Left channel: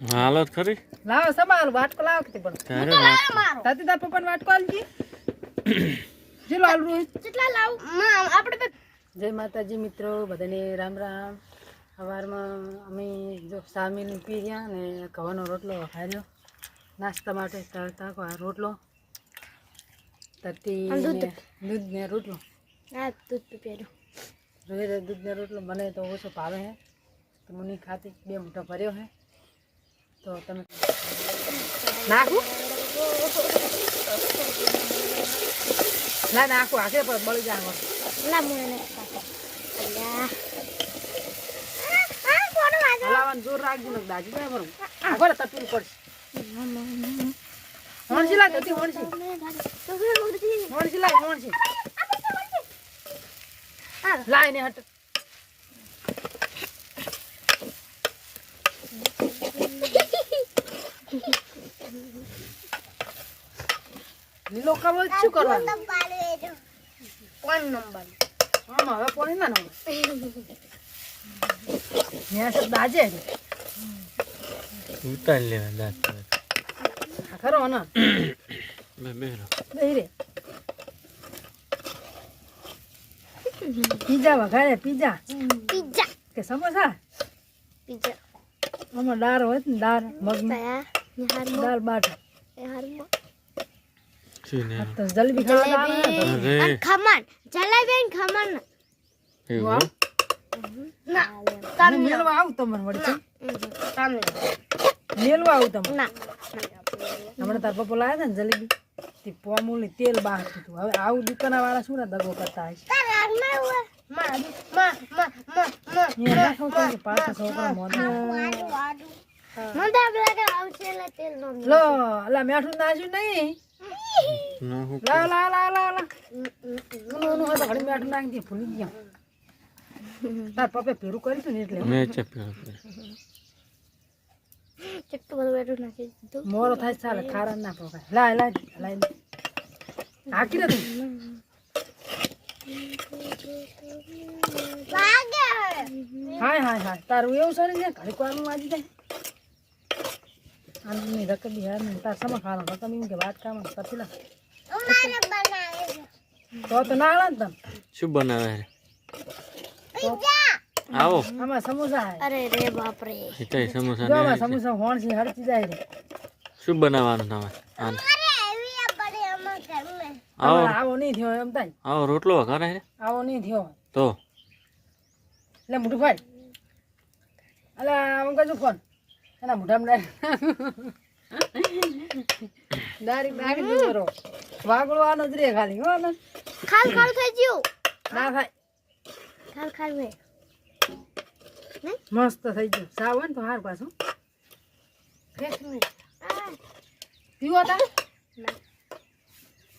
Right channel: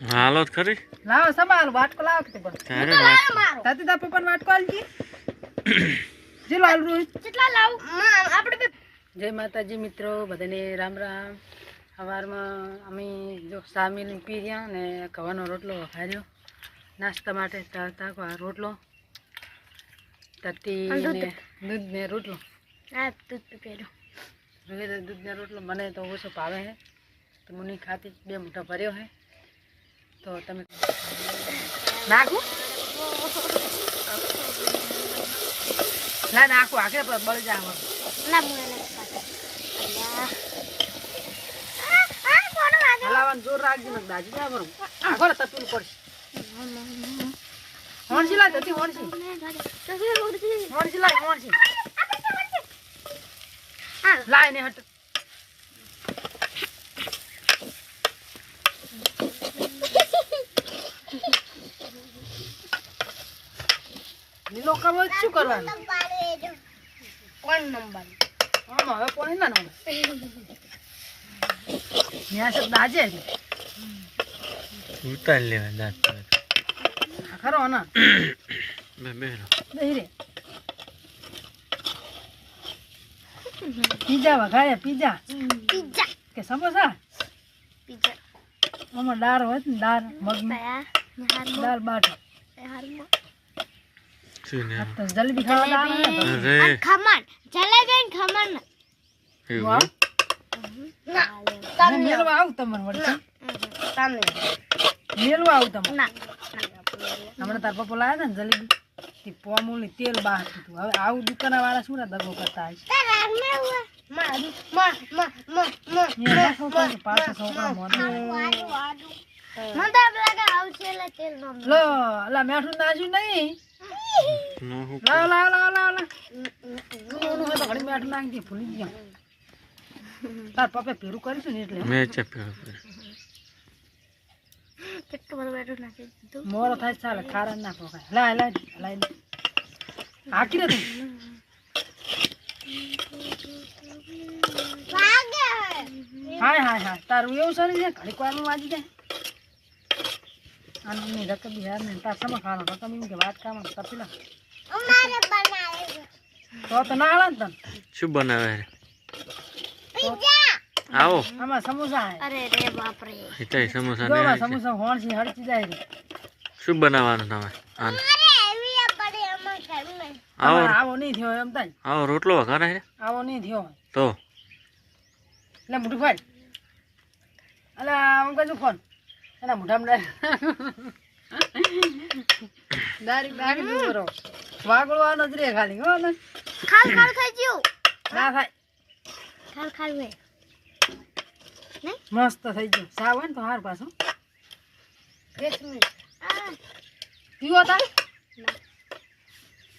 હાલો ખરી લાવો સંભાળ વાટકો લાવો કે પણ ત્યારે તાતી દા પપ્પાને વાટકો આલજી જે લાલ રોહિત કેટલા લાવું આપણે જય માતાજી મિત્રો બધાને રામ રામ સવારમાં અમે જો સામીલ પી ગયા ને ઘઉંનો રોટલો વઘાર્યો નાસ્તા માટે તાકો આ રોટલો તતી ને દૂધ ને રોટલો હા દૂધ પીપેરો દૂધ ને રોટલો મને તો ઓછો ભાવે હે તો હું નહીં ખાતી 2 મોટા ભર્યો હે તો તમે નાખું ના નાખું આખરે પર બળી જાય ના મને હલાવાનું જોર રાખજો ને દાજી જાય બરું આગળ તપીલું પડશે હોણસી લાય જતી હોણસી લાય હોણસી લાય ને હટ નીલો કરવો શું કરવાનું કોણ નંબર આમાં હવે કોણ ના નંબર ત્યાં સબ દાજે ઉતાર લેવા દાંત ખરો ને બેરો દઈ રે પીઝા વઘારે પીઝા પિઝા કે સમોસા પિઝા આમાં દાળ હોય ને દાળ મગની દાળ બાટ શું ને તો જલેબી ખાવા દાળ અરે ખમણ જલેબી અને ખમણ એવું હું મેલવા આવું તમને વળી તમને મેલવા આવું તમને ના હમણાં તાર પપ્પા લાવ્યા હતા ને જલેબી તે પોમુલી તેલ બહાર હતું હવે આવું દુકાના વાળા શું ને દગો કરતા હશે પાછો છોકરા મોઢું લો અલા મેઠું નાખ્યું નહીં નો હું લાવ લાવ લાવ લાવ લાવ નું હોય તો ઘડી મેઠું નાખી દે ભૂલી ગયા તાર પપ્પે ભેરું કર્યું હતું ને એટલે મેં ચપ્યો મોરો થાય ચાલે ખારા ના પકાય લાય લાય લાય હાકી દે તું હાય હાય હાય તારું એવું છે ને ઘડીક વાર વાંચી દે અને રકમ યાર ને તાર સમા ખાવાનો રકમ એમ કે વાત કામ કરતી લા તો ના આલા ને તને શું બનાવે આવો આમાં સમોસા હે અરે રે બાપ રે હિતાઈ સમોસા જો ને આમાં સમોસા હોણસી હરતી જાય રે શું બનાવવાનું તમે આન આવો આવો નહીં થયો એમ તાઈ આવો રોટલો વઘારે છે આવો નહીં થયો તો એટલે મોટું ફાડ અલા હું કજુ ફોન એના મોઢામાં ડાયરેક્ટ નાખી દઉં બરો વાગળવાનો જ રે ખાલી હો ને ખાલ ખાલ થઈ ગયું ના થાય ખાલ ખાલ વે મસ્ત થઈ ગયું સાવ હોય ને તો હાર પાછું પીવો તા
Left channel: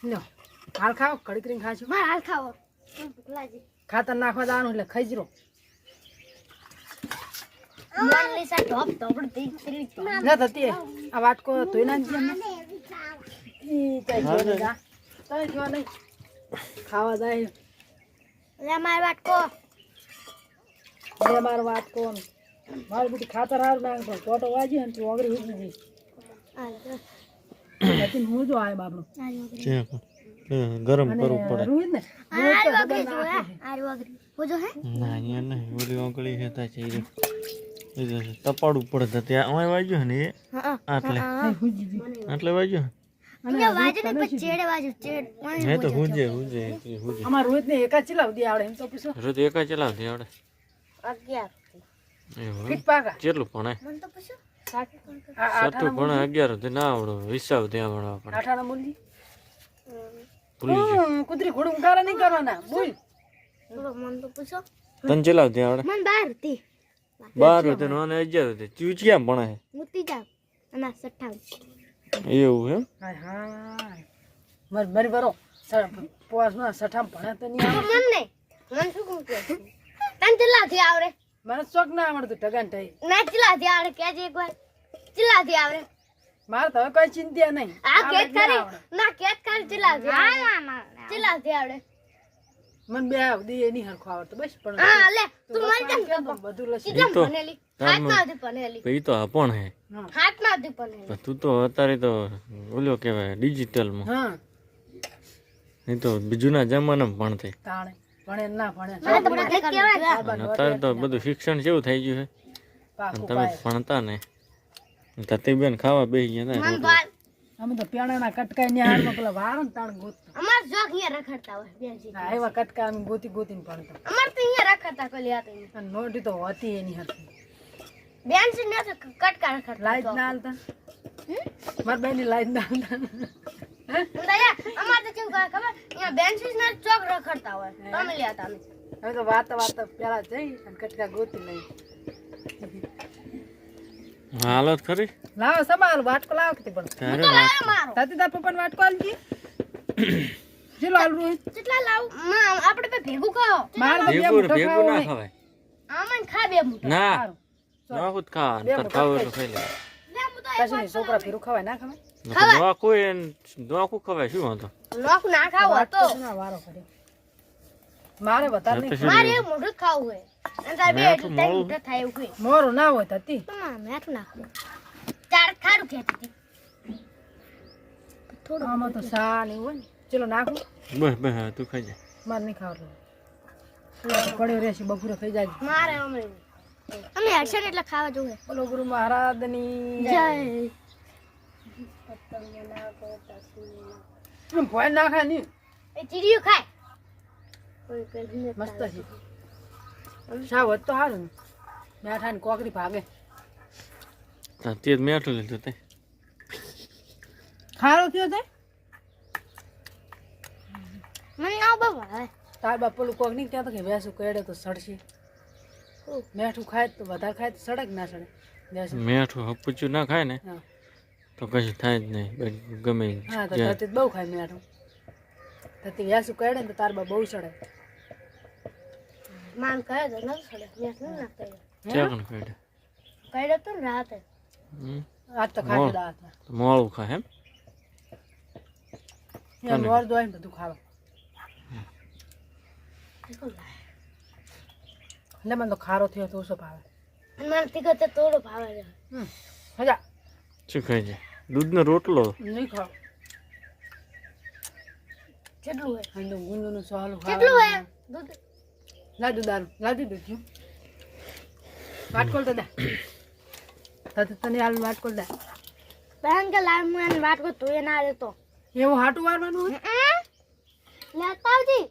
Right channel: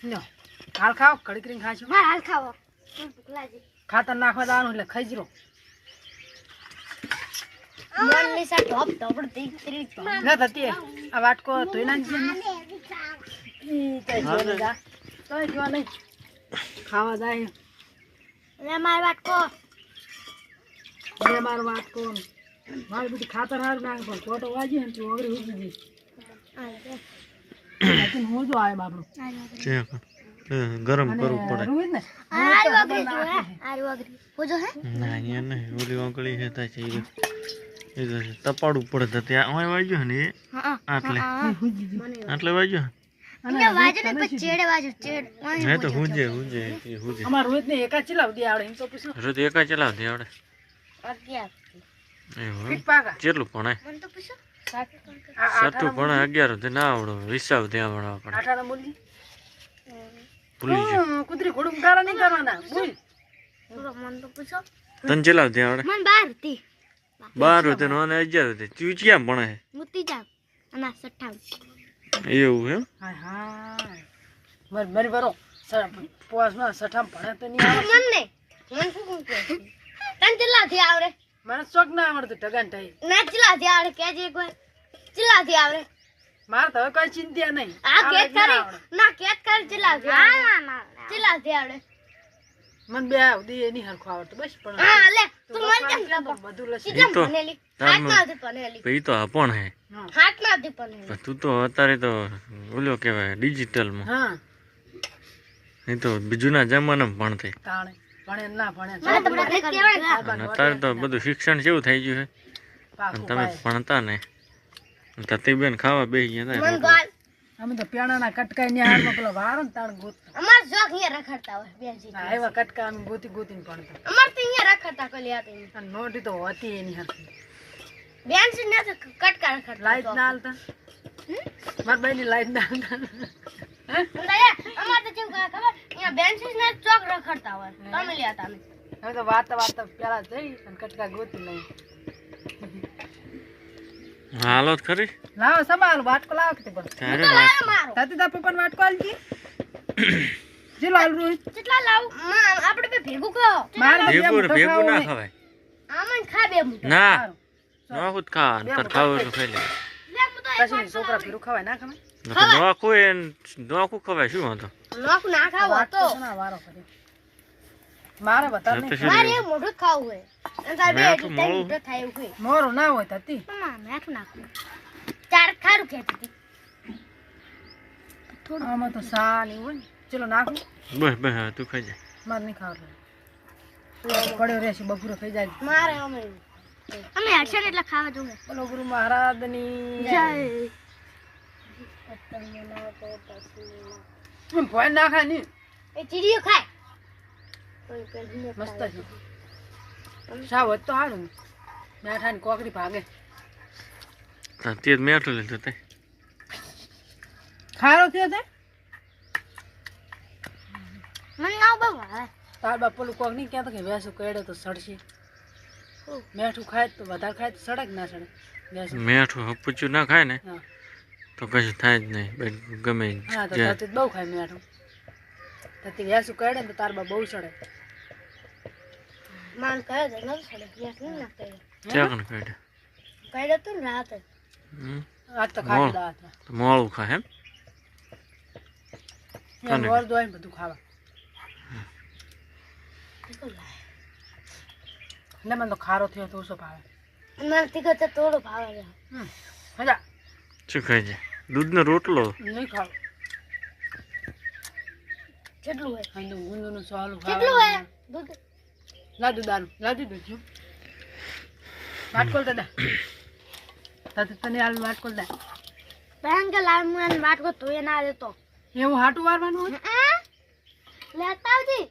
લો હાલ ખાઓ કડી કરીને ખાશું હા હાલ ખાવો ભૂખ લાગી ખાતર નાખવા જવાનું એટલે ખજરો મન લીસા ટોપ ટોપ દીકરી ન થતી આ વાટકો ધોઈ નાખજે ને ઈ કઈ જો ને જા કઈ જો નહીં ખાવા જાય લે માર વાટકો બે માર વાટકો મારી બધી ખાતર હાર નાખો ફોટો વાજી ને તું ઓગરી ઉગી જઈશ લેકિન હું જો આય બાપડો છે ગરમ કરવું પડે રોહિત ને આર વગરી જો હે આર વગરી હોજો હે ના અહીંયા નહીં ઓલી ઓગળી છે તા છે એ તપાડવું પડે તો ત્યાં અમારે વાગ્યો ને એ આટલે આટલે વાગ્યો અહીંયા વાજે ને પછી ચેડે વાજે ચેડ હે તો હુંજે અમાર રોહિત ને એકા ચલાવ દે આવડે એમ તો પૂછો રોજ એકા ચલાવતી આવડે અગિયાર એવું ફીટ પાકા કેટલું ભણે મન તો પૂછો સતું ભણે 11 થી ના આવડો હિસાબ ત્યાં ભણવા પડે આઠાના મૂલી ભૂલી ગયો કુતરી ઘોડું કારા નહીં કરવાના બોલ મન તો પૂછો તને ચલાવતી આવડે મન 12 હતી 12 હતી ને 11 હતી તું ક્યાં ભણે મુતી જા અને 57 એવું એમ હાય હાય મરી બરો પોસમાં સઠામ ભણે તો નહીં આવે મન ને મન શું કહું કે તન ચલાથી આવરે મને શોખ ના આવડતું ટગાન ટાઈ ના ચલાથી આવરે કેજે એકવાર ચલાથી આવરે મારે તો હવે કઈ ચિંતા નહીં આ કેત કરી ના કેત કરી ચલાથી ના ચલાથી આવરે મને બે દી એની હરખો આવડતું બસ પણ હા લે તું મન કેમ બધું લસી કેટલા ભણેલી તારમાં હાથમાંથી બનેલી ભાઈ તો આપણ હે હાથમાંથી બનેલી પણ તું તો અત્યારે તો ઓલો કહેવાય ડિજિટલમાં હા નહીં તો બીજુના જમાનામાં ભણતે તાણે ભણે ના ભણે મને તો બધા કહેવાય અને અત્યારે તો બધું શિક્ષણ જેવું થઈ ગયું છે અને તમે ભણતા ને તતી બેન ખાવા બેસી ગયા મન હતા ગાલ અમે તો પેણાના કટકાઈ ને હારમાં પેલા વારો ને તાણ ગોત અમાર જોક hier રખડતા હોય બેનજી ના એવા કટકા અમે ગોતી ગોતીને ભણતા અમાર તો hier રખડતા કોલી આ તો અને નોટી તો હોતી એની હતી બેનજી ને તો કટકા રખડતા લાઈટ ના હાલતા મારા ભાઈ ની લાઈટ ના હાલતા અમાર તો કેવું કરે ખબર અહીંયા બેનજી ને ચોક રખડતા હોય તમે લ્યા તમે હવે તો વાતા વાતા પેલા જઈ અને કટકા ગોતી લઈ હાલત ખરી લાવો સબાલ વાટકો લાવો કે પણ ત્યારે વાત મારો તાતી તા પપ્પાને વાટકો આલજી જીલો આલ રોહિત કેટલા લાવ આપણે બે ભેગું કહો મારે તો બે ભેગું મુઠ્ઠો ભેગું ખાવું ના નહીં. ખવાય આમન ખા બે મુઠો ના સારું. નોખું જ ખા તાર ખાવું એટલું ખાઈ લે બે મુઠો પછી નહીં, છોકરા ફેરું ખવાય ના ખવાય નોખું એ નોખું ખવાય શું વાંધો લોક ના ખાવો વાટકો તો શેના વારો કર્યો મારે વધારે નહીં પછી મારે મોઢું ખાવું હોય અને તાર બે મેઠું એટલે મોળું. મોઢું થાય એવું હોય મોરું ના હોય તાતી ના મેઠું નાખું ચાર ખારું ખેતી આમાં તો સા નહીં હોય ને. ચલો નાખું બસ બસ હા, તું ખાઈ જા મારે નહીં ખાવાનું પડ્યો રહેશે બપોરે થઈ જાય મારે અમે હર્ષણ એટલે ખાવા જોવે બોલો ગુરુ મહારાજની જય ભોય ના ખાય નહીં એ ચીડિયું ખાય મસ્ત છે સાવ હોત તો સારું ને મેઠા ની કોકરી ભાગે તાર તે જ મેઠું લીધું તે ખારો થયો તે મને ના બહુ ભાવે તાર બાપ પેલું કોક નહીં કહેતો કે વેસું કેડે તો સડશે મેઠું ખાય તો વધારે ખાય તો સડે કે ના સડે વેસું મેઠું હપુચું ના ખાય ને હા તો કશું થાય જ નહીં બેન ગમે ઈ. હા તો જે- તતી બહુ ખાય મેઠું તતી વેસું કેડે ને તો તાર બાપ બહુ સડે માન કહે છે ન છડે મેં નહીં નાખતા ચાકણ કાઢે કઈડે તો ને રાતે હમ. આજ તો ખાઈ લીધા હતા તો મોળું ખાય એમ એમ વર દોય બધું ખાવા એટલે મને તો ખારો થયો તો ઓછો ભાવે મને તીખો તો થોડો ભાવે છે મજા શું ખાય છે દૂધનો રોટલો નહીં ખાવ કેટલું હોય અને ગુંદુનું સવાલું કેટલું હોય ખાવાનું દૂધ લાદુ દારૂ લાદુ દૂધ વાટકોલ તો દે તને હાલ વાટકોલ દે બહેન કે લાલ મને વાટકો ધોઈ ના દેતો એવું હાટું વારવાનું હોય લેતા આવજી